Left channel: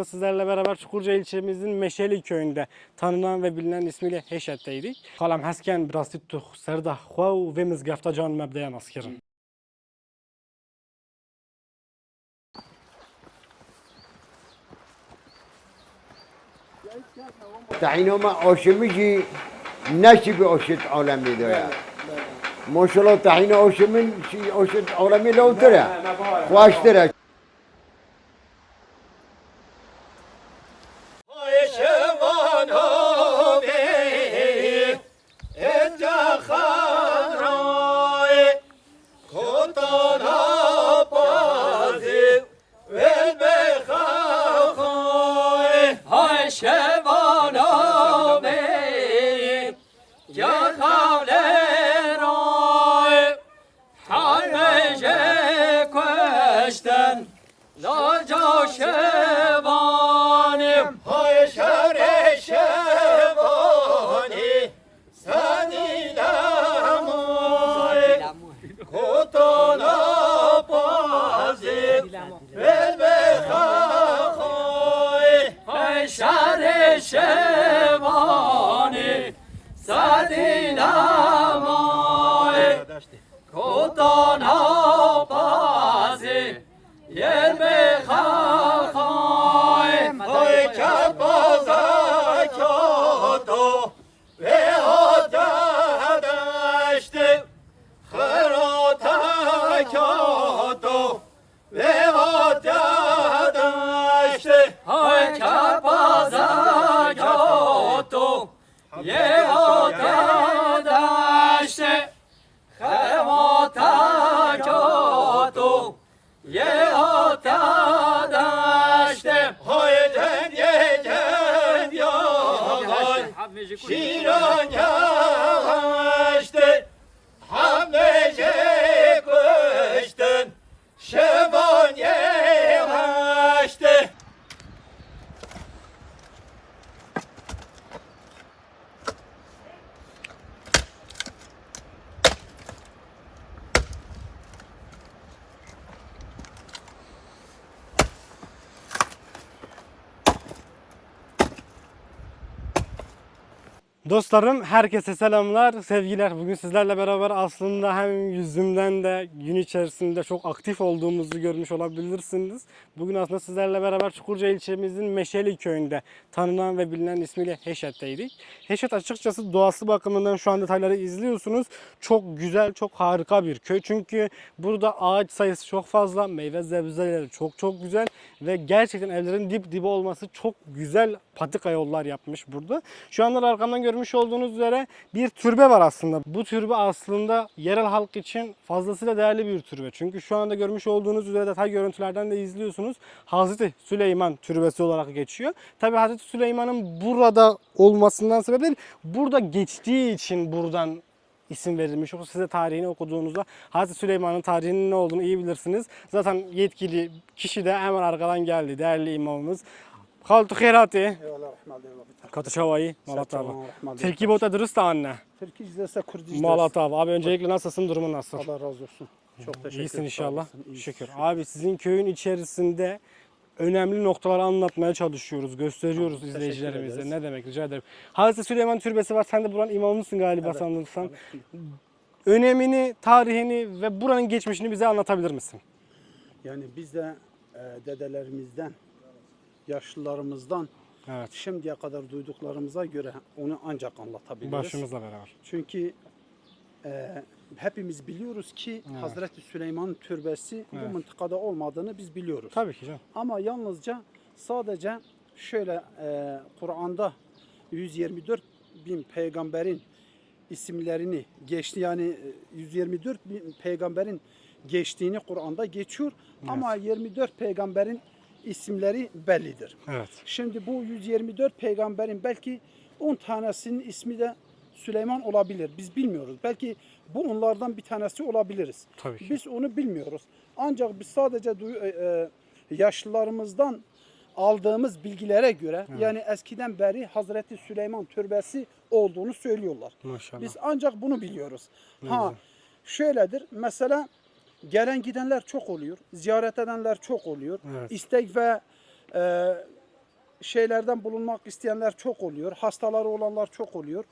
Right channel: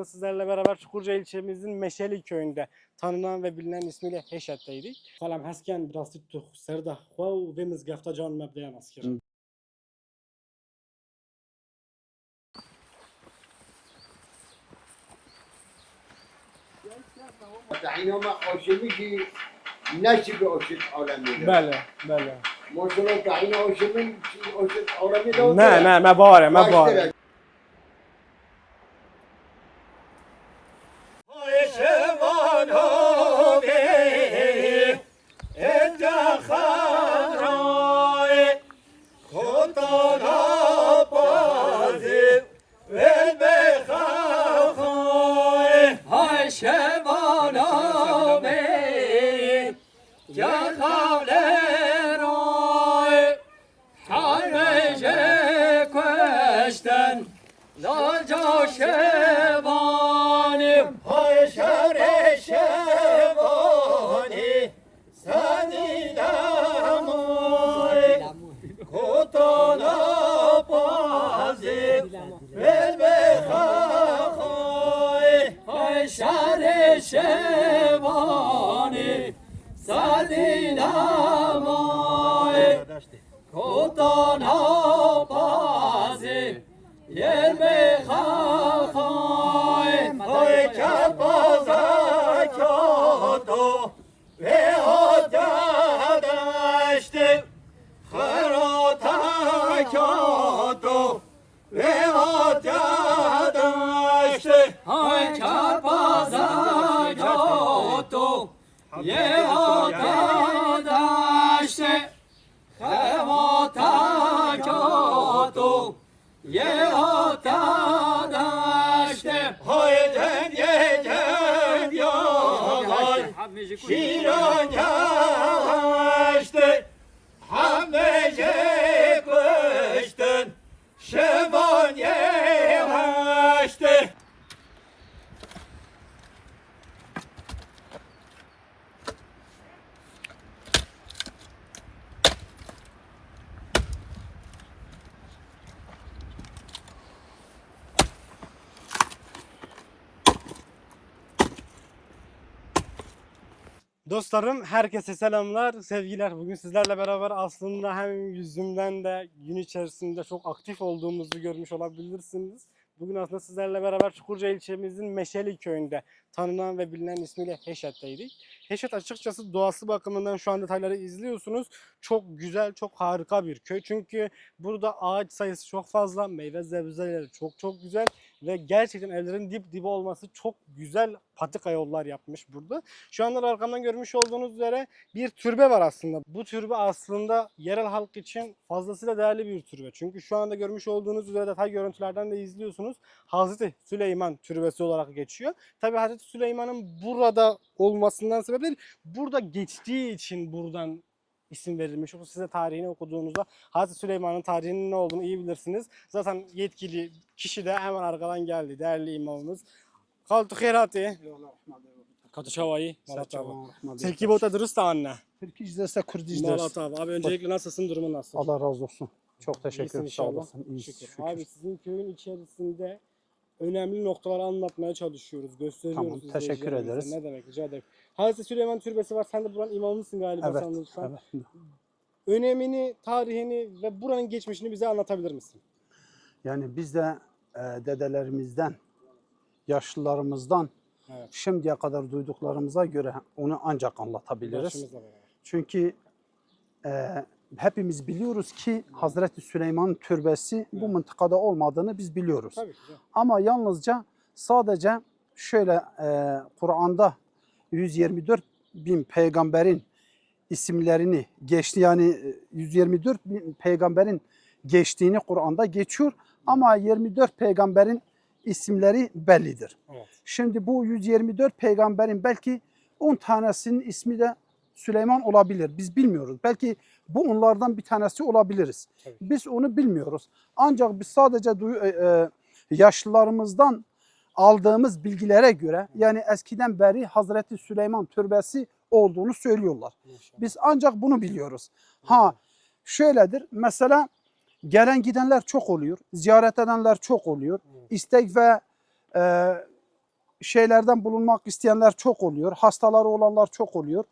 aslında sizlerle beraber Çukurca ilçemizin Meşeli köyünde tanınan ve bilinen ismiyle Heşet'teydik. Kalam hesken biraz tuttuk serda xwav ve mizgafta can mebdeyen askirin. تعينوا ما أوشمجي نشي بأوشت عالمي ده بله. ما شاء الله تعينوا أوشمن شي أوشت عالمي لو Ne ترى mebare mebare. Dostlarım herkese selamlar, sevgiler. Bugün sizlerle beraber aslında hem yüzümden de gün içerisinde çok aktif olduğumuzu görmüş olabilirsiniz. Bugün aslında sizlerle beraber Çukurca ilçemizin Meşeli köyünde tanınan ve bilinen ismiyle Heşet'teydik. Heşet açıkçası doğası bakımından şu an detayları izliyorsunuz. Çok güzel, çok harika bir köy. Çünkü burada ağaç sayısı çok fazla, meyve sebzeleri çok güzel ve gerçekten evlerin dip dibe olması çok güzel patika yollar yapmış burada. Şu anda arkamdan görmüş olduğunuz üzere bir türbe var aslında. Bu türbe aslında yerel halk için fazlasıyla değerli bir türbe. Çünkü şu anda görmüş olduğunuz üzere detay görüntülerden de izliyorsunuz. Hazreti Süleyman Türbesi olarak geçiyor. Tabi Hazreti Süleyman'ın burada olmasından sebep değil, burada geçtiği için buradan isim verilmiş. Yoksa size tarihini okuduğunuzda Hazreti Süleyman'ın tarihinin ne olduğunu iyi bilirsiniz. Zaten yetkili kişi de hemen arkadan geldi. Değerli imamımız. Haltu khairati. Katı şavayı. Malat abi. Terkibot ediriz de anne. Türkiye izlese Kürdiz Malat abi. Abi öncelikle nasılsın? Durumun nasıl? Allah razı olsun. Çok teşekkür ederim. İyisin inşallah. İyiyiz, Şükür. şükür. Abi sizin köyün içerisinde önemli noktaları anlatmaya çalışıyoruz. Gösteriyoruz Tamam, teşekkür izleyicilerimize. ederiz. Ne demek, rica ederim. Hazreti Süleyman Türbesi var. Sen de buranın imamısın galiba Evet, sanırsam. evet. Önemini, tarihini ve buranın geçmişini bize anlatabilir misin? Yani biz de dedelerimizden, yaşlılarımızdan Evet. şimdiye kadar duyduklarımıza göre onu ancak anlatabiliriz. Başımızla beraber. Çünkü hepimiz biliyoruz ki Hazreti Süleyman Türbesi bu mıntıkada olmadığını biz biliyoruz. Tabii ki canım. Ama yalnızca sadece şöyle Kur'an'da 124 bin peygamberin isimlerini geçti. Yani 124 bin peygamberin geçtiğini Kur'an'da geçiyor. Ama 24 peygamberin isimleri bellidir. Evet. Şimdi bu 124 peygamberin belki 10 tanesinin ismi de Süleyman olabilir. Biz bilmiyoruz. Belki bu onlardan bir tanesi olabiliriz. Tabii ki. Biz onu bilmiyoruz. Ancak biz sadece yaşlılarımızdan aldığımız bilgilere göre yani eskiden beri Hazreti Süleyman Türbesi olduğunu söylüyorlar. Maşallah. Biz ancak bunu biliyoruz. Ha şöyledir. Mesela gelen gidenler çok oluyor. Ziyaret edenler çok oluyor. Evet. İstek ve şeylerden bulunmak isteyenler çok oluyor. Hastaları olanlar çok oluyor.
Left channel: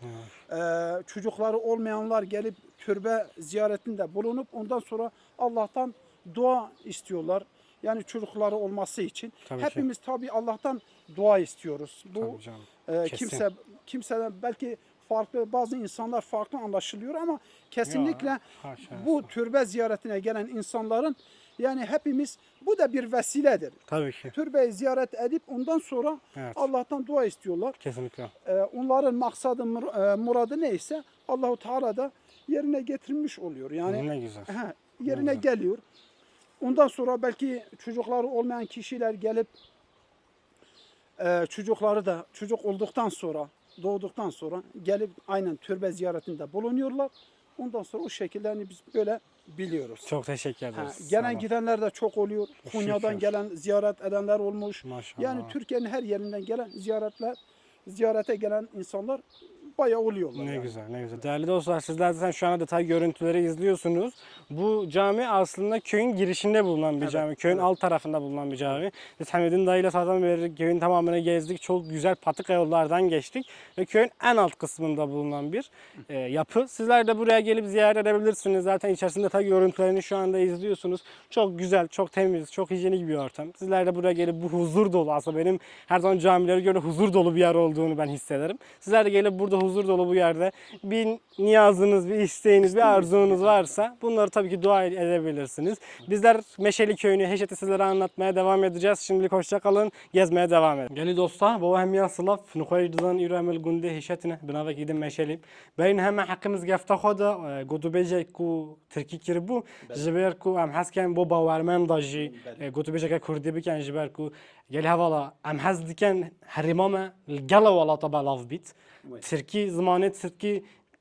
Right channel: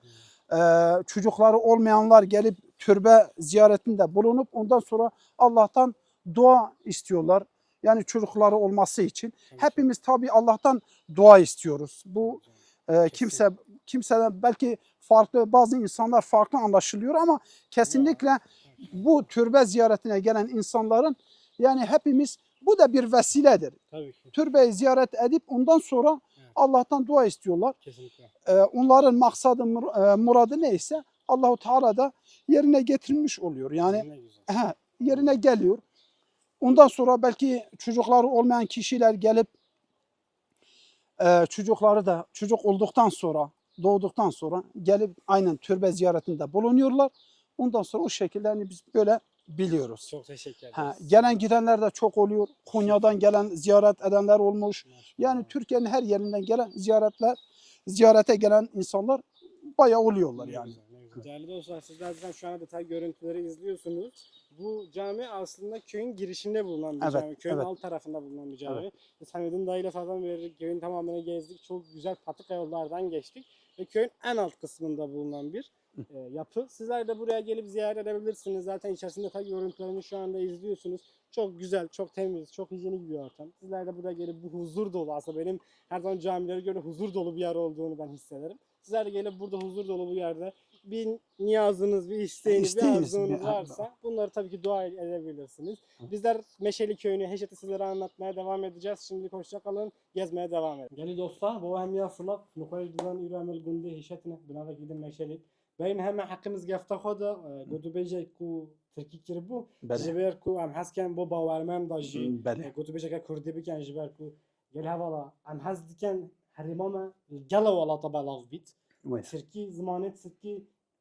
Çocukları olmayanlar gelip türbe ziyaretinde bulunup ondan sonra Allah'tan dua istiyorlar. Yani çocukları olması için. Tabii ki. Hepimiz tabii Allah'tan dua istiyoruz. Bu Tabii canım. kimse belki farklı, bazı insanlar farklı anlaşılıyor ama kesinlikle Haşa. bu türbe ziyaretine gelen insanların yani hepimiz bu da bir vesiledir. Tabii ki. Türbeyi ziyaret edip ondan sonra Evet. Allah'tan dua istiyorlar. Kesinlikle. Onların maksadı, muradı neyse Allahu Teala da yerine getirmiş oluyor. Yani Ne güzel. yerine geliyor. Ondan sonra belki çocukları olmayan kişiler gelip çocukları da çocuk olduktan sonra, doğduktan sonra gelip aynen türbe ziyaretinde bulunuyorlar. Ondan sonra o şekilde hani biz böyle biliyoruz. Çok teşekkür ederiz. Gelen gidenler de çok oluyor. Konya'dan Şükür. gelen ziyaret edenler olmuş. Maşallah. Yani Türkiye'nin her yerinden gelen ziyarete gelen insanlar bayağı oluyorlar Ne yani. güzel, ne güzel. Değerli dostlar, sizler zaten şu anda detay görüntüleri izliyorsunuz. Bu cami aslında köyün girişinde bulunan bir Evet, cami. Köyün evet. alt tarafında bulunan bir cami. Biz Hamid'in dayıyla zaten beri köyün tamamını gezdik. Çok güzel patika yollardan geçtik. Ve köyün en alt kısmında bulunan bir yapı. Sizler de buraya gelip ziyaret edebilirsiniz. Zaten içerisinde detay görüntülerini şu anda izliyorsunuz. Çok güzel, çok temiz, çok hijyenik bir ortam. Sizler de buraya gelip bu huzur dolu, aslında benim her zaman camilere göre huzur dolu bir yer olduğunu ben hissederim. Sizler de gelip burada huzur dolu bu yerde bir niyazınız, bir isteğiniz, bir arzunuz varsa bunları tabii ki dua edebilirsiniz. Bizler Meşeli Köyü'nü, Heşet'i sizlere anlatmaya devam edeceğiz. Şimdilik hoşça kalın, gezmeye devam edin. Geli dostlar, baba hem yansılaf, nukoydudan İremel Günde Heşet'ine, bina gidin Meşeli. Beyin hemen hakkımız gefte khoda, godu bejek ku Türkiye kiribu, jiber ku am hasken bo bawermen daji, godu bejek Kurdi biken jiber ku geli havala am has diken harimame gala wala tabalav bit. Türkiye zamanı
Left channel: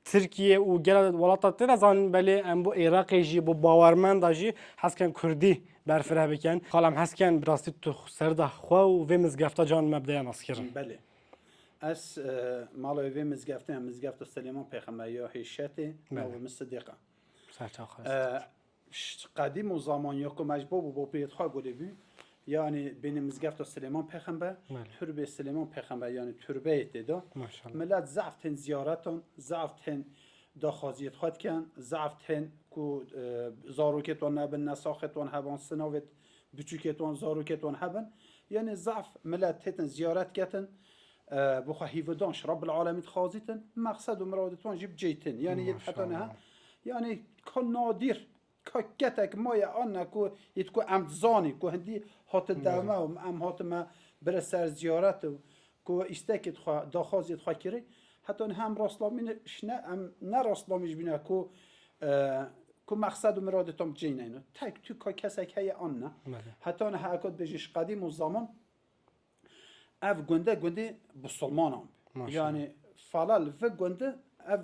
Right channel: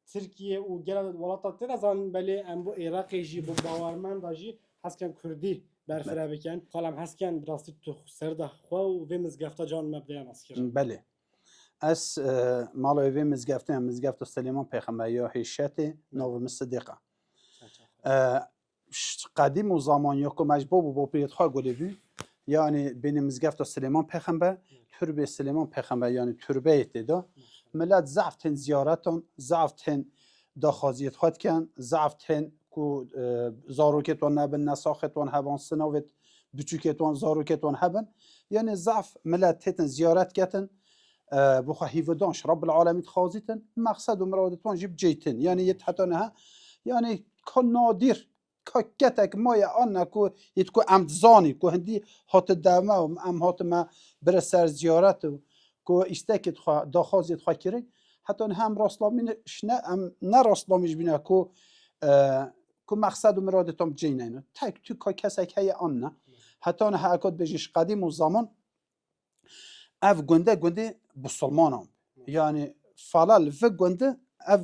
Türkiye و گل ولات تنزان بله ام بو عراق جی بو باورمند جی حسکن کردی برفره بکن خالم حسکن براستی تو سرده خوا و و مزگفتا جان مبدأ نسکر. بله. از مالوی مزگفت سلیمان پیغمبر یا هیشتی نو مصدقه. قدیم و زمانی که مجبور با پیت ها گلیوی yani benim mizgefta Süleyman Peygamber, türbe Süleyman Peygamber yani türbe etti da. Millet zaften ziyareton, zaften dakhaziyet hatken, zaften ku zaruketon haben, nasaketon haben, sınavet büçüketon, zaruketon haben. Yani zaf millet teten ziyaret geten, bu hivdanş Rabbul Alamin khaziten, maksad umradeton jib ceyten. Yani yethatana yani kan nadir. كاتك مايا أنا كو يتكو عمد زاني كو هندي هات الدوما وام هات ما برسر زيارات كو استكت خا داخاز يتخا كري حتى هم راسلامين شنا ام نه راسلامش بينا كو مقصد مرادتهم جينين تاك تو كاسك هي أنا حتى أنا هاكد بجيش قديم وزمان اف گنده بسلمانم يعني فلال في گنده اف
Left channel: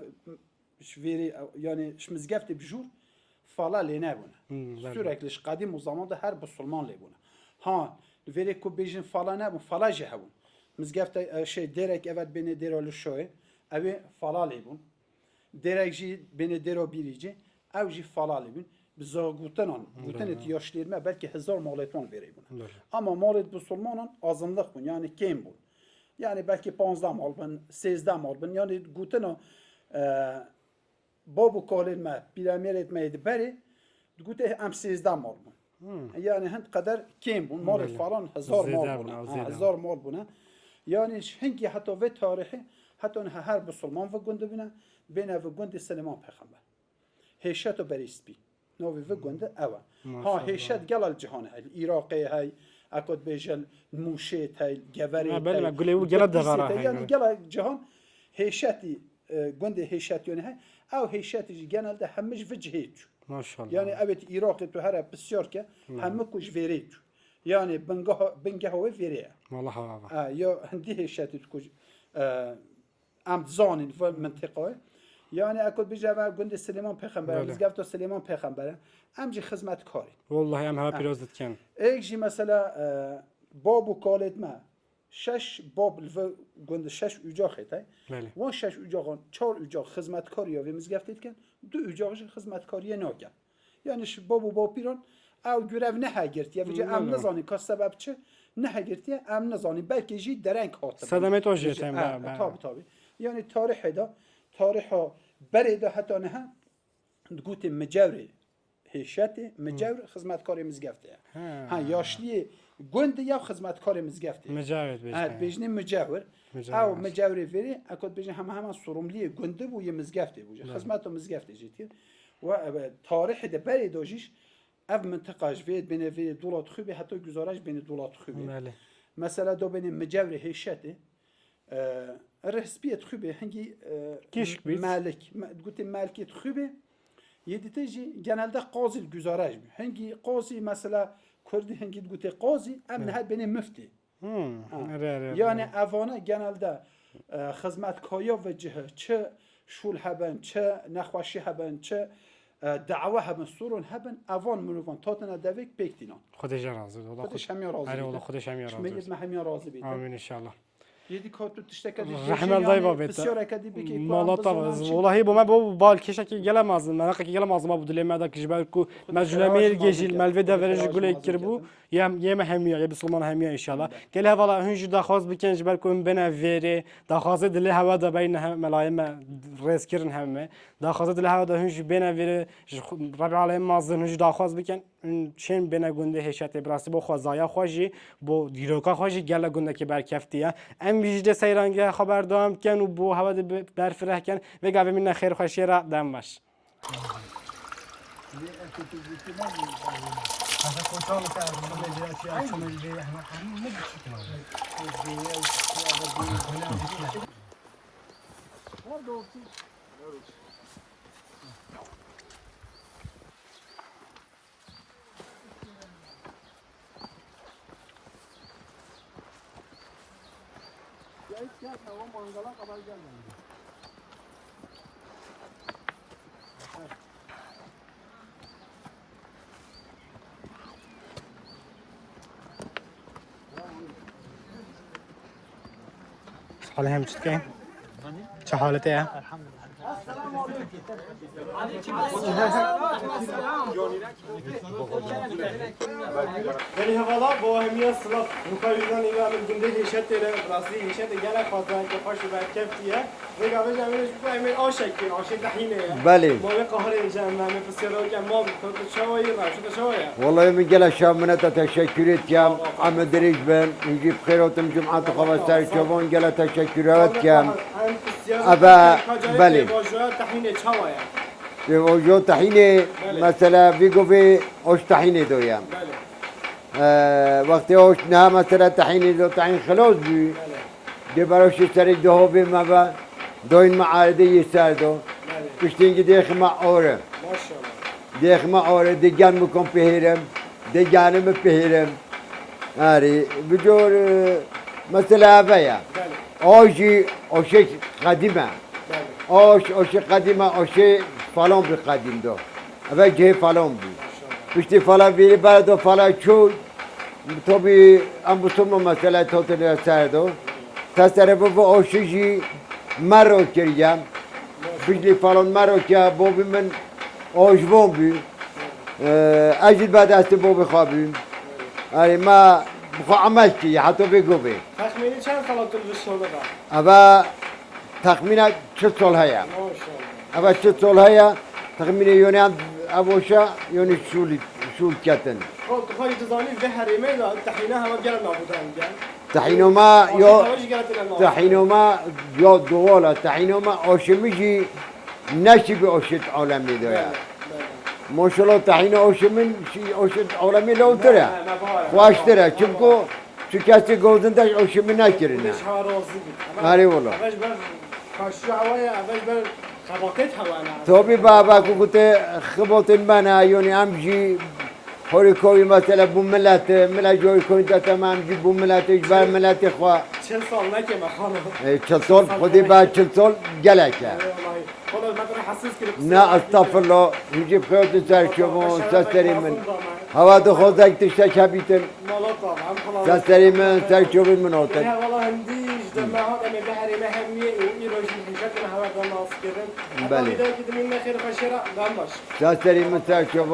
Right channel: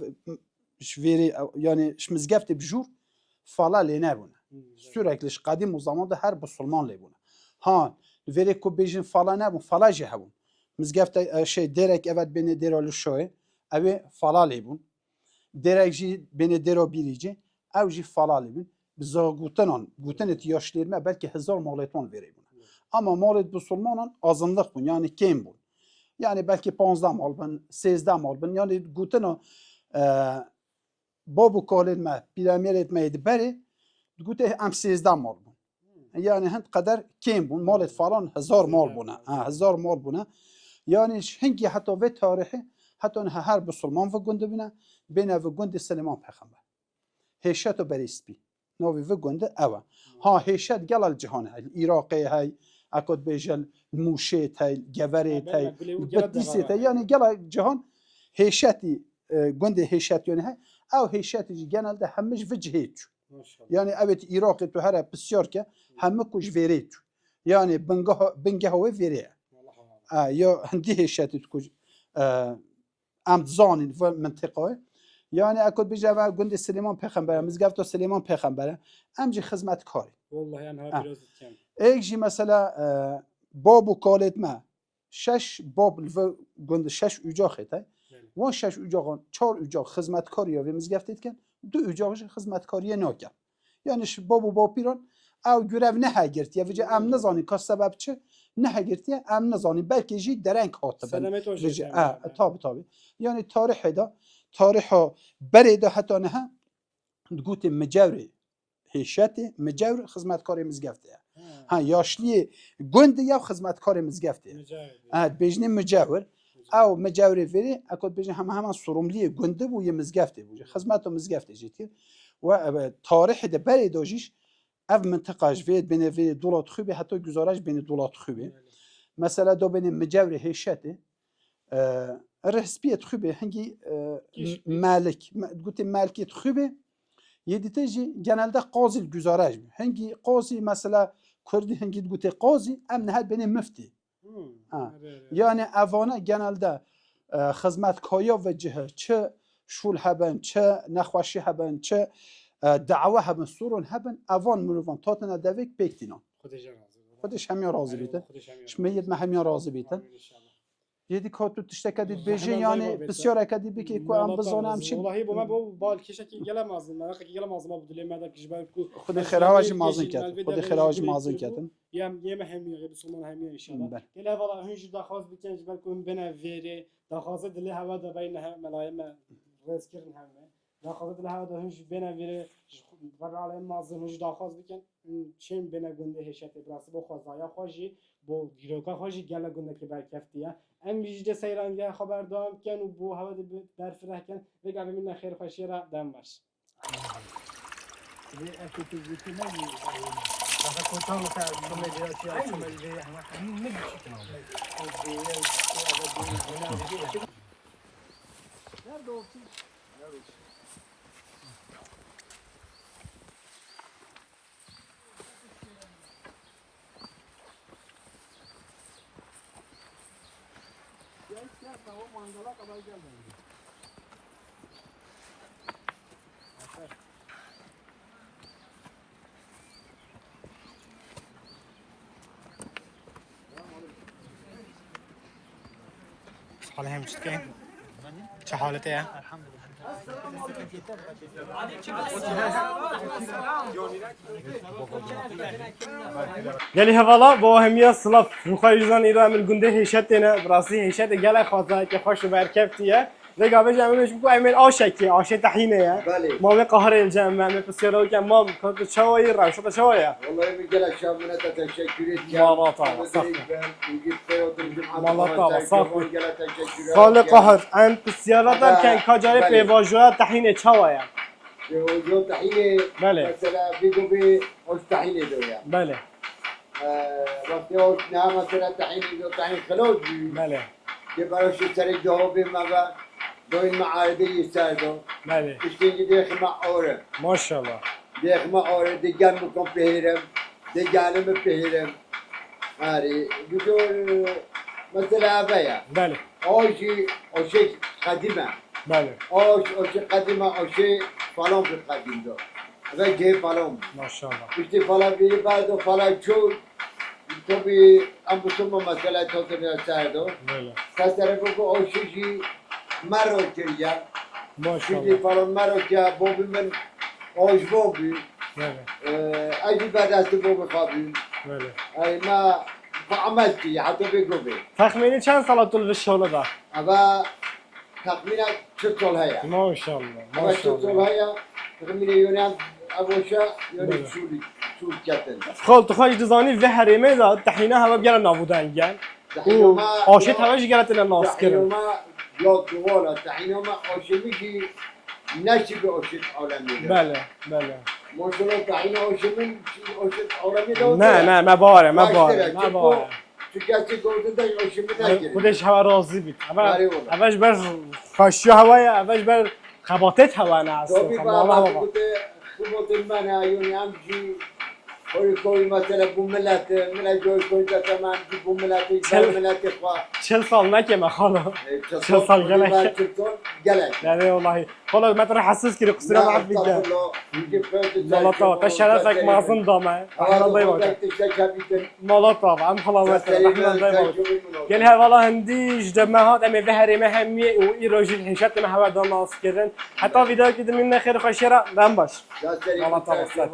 شويري يعني شمزگفت بجور فلا لی نبونه sürekli قدیم و زمان ده هر بسلمان لی بونه ها وری کو بیجن فلا نبون فلا جه هبون مزگفت şey derek evet beni deralı şoy evi fala لی بون derek ji beni dero birici ev ji fala لی بون bizagutanan gutan et yaşlarına belki 1000 maleton veri buna ama malet bسلمانان azınlık bun yani kim bun yani belki 15 mal bun 16 mal bun yani gutana بابو کالین ما پیرامید میاد بری گوته ام 13 مال بون yani هند قدر کیم بون مال فلان 1000 مال بونه 1000 مال بونه yani هنگی حتی و تاریخی حتی هر بسلمان و گنده بینه بینه و گنده سلیمان پیغمبر هیشت و بریسپی نوی و گنده اوه ها هیشت گل الجهان های عراقی های اکد بیجل موشیت های گوری های yani gel جهان هیشتی گنده هیشت یعنی های او هیشتی genelde همش وجهیت yani evet Irak'ta tu her بسیار که همه کش وریت yani بنگه هوا وریه یا هندی هیشتی کش امتزانی و منطقه yani اکد بیجه و گنده سلیمان پیغمبر مزگفت سلیمان پیغمبره امجی خدمت کاری والله هم ها پیروزت کن ایجی مثلا باب و کالت ما 6 باب و گنده 6 اجاخته و 6 اجاقان 4 اجاق خدمتکاری و مزگفتید کن 2 اجاقش خدمتکاری نکرد یعنی باب و پیران او görev نه گرفت یا وجه ام نزانی که سبب چه نه گرتیه ام نزانی بلکه جی درنگ هات سلامت او جی tabi yani tarih da tariha berede hatta ne تقولي مجاوري هیشتی مجاور خدمتکاری مزگفته ها yaşlı گند یا خدمتکار مزگفته مجاور بیشتر مجاور او مجاوری وری اکود بیشتر همه sorumluی گنده بو یه مزگفته بوده خدمت و مزگفته جیتی و تاریخ ده بری داجیش اف منطقه جوید بین وری دولت خوبی حتی گزارش بین دولت خوبی مثلا دو بین مجاوری هیشتی رسمیت خوبی هنگی مالک گوتی مالکیت خوبی یدیتجی genelde قاضی گزارش می هنگی قاضی مثلا کردی هنگی گوته قاضی ام نهاد بین مفتی yani avana genelde خدمتکاریا و جهه چه شول هبن چه نخوشی هبن چه دعوه هبن سورون هبن اوان مروان تاتنا دویک بکتینان خودش راضی بود خودش همین راضی بیت خودش همین راضی شمیت ما همین راضی بیت آمین ان شاء الله یدی کاتو تشتکدی بیشی yani بسیار اکدی بکی کو ام بزنم چی والله با ما بو بال کشکی گلماز من کی گلماز ما بدل ما داك جبال کو خراج مازن مالفدا فرج گل كربو يم هميه يا بسلمان هميه ان شاء الله قال هذا هنج داخواز بكن جبال كون بنا فيري داخواز دل هوا دا بين ملايم ريس كرن همه داخواز دل هوا دا هنج بنا فيري ربع على مازن هنج داخواز بكن چن بنا گنده هشت براستی با خوازایا خوشی با دیروکا خوشی گله گنده که برکفتیه ام ویجده سیرانگه خبر دام کن و بو هوا برفره کن و گاوی من خیر خوشی را دم باش حالا هم چطور چه حالته؟ گلی هوالا با همیه سلاف مخایجان ایران الگنده هیشت نه براسی هیشت گله خاطر که خوش برکفتیه دیگه به جمعش بگو ایمن آشکی آش طحینه بله ما به قهر الجمع ما بسیار که ما کنت شوایی را شده شوایا والله من قال شاب من تشكرت يا محمد دريج بن نجيب خيراتم جمعة خمسة شوفون قال تشكرات قال قهر عند بسیار که کجای واژه طحینه شوایا واژه طحینه مثلا بيجو في اوش طحینه دويا بله وقتی اوش نه مثلا طحینه دو طحین خلاص بي بله دي براش سرك دو هو بما دوين معارضه يساردو بله پشتینگی دیخ ما اوره ماشاءالله دیخ ما اوره دیگان مکن پهیرم دیگانم پهیرم آری بجور مثلا اویا بله آجی آشه قدیمه بله آش قدیمه آشه فلان بی قدیم دو اوه جه فلان بی ماشاءالله پشتی فلان بیری بعد و فلان چو تو بی ام بسوم مثلا تو تنیا سردو تصرف بو آشه جی مرو کریم پشتی فلان مرو که بابی من آجوان بی اجل بعد است بابی خوابیم آره ما بخوا عمل کی حتی بگو بی تخمینی چند سال طول الشغل ده؟ اوه تخمینه چه سال هیا ماشاءالله اوه چه سال هیا تخمینه یونی هم اوشا یونی شول کتن خال تخاج دزانی و حریمه ده تحینه همه بیان نابودن گن تحینو ما آشی تماش گرت الناس تحینو ما یاد دوالا تحینو ما آشمیجی نشی به آشت عالمی داره بله بله ماشاءالله تحین آشمین آشت عالمی لو نه داره نه مباره واشتره چونکو چون کسی گوزندش آشمی نکرده خودش هوا راضی بید آره والله اولش بر خاشی هوای اولش بر خباطت هوا نه توبی بابا که گوته خبات من یعنی همجی هوری کوی مثلا بو ملت جوی کوی دتم همجی بو ملتش بر ملت خوا 40 سال نکه خاله 40 سال خودی بعد 40 سال گلک یعنی والله خاله ما ترى حسس كده قصه نه استغفر الله يجيب خيوط الزرشو شرفك مازن دامه هوا دو خودك تشتك هبيتن مالا طبعا خلاص سري من ترجو من قال منوطن ها والله هنديش جماعات اما بهري مهميه وايروجي حشت ما هوا دام ناس كرن حتى فيديو كده من خير خشره دم باش سري من ترجو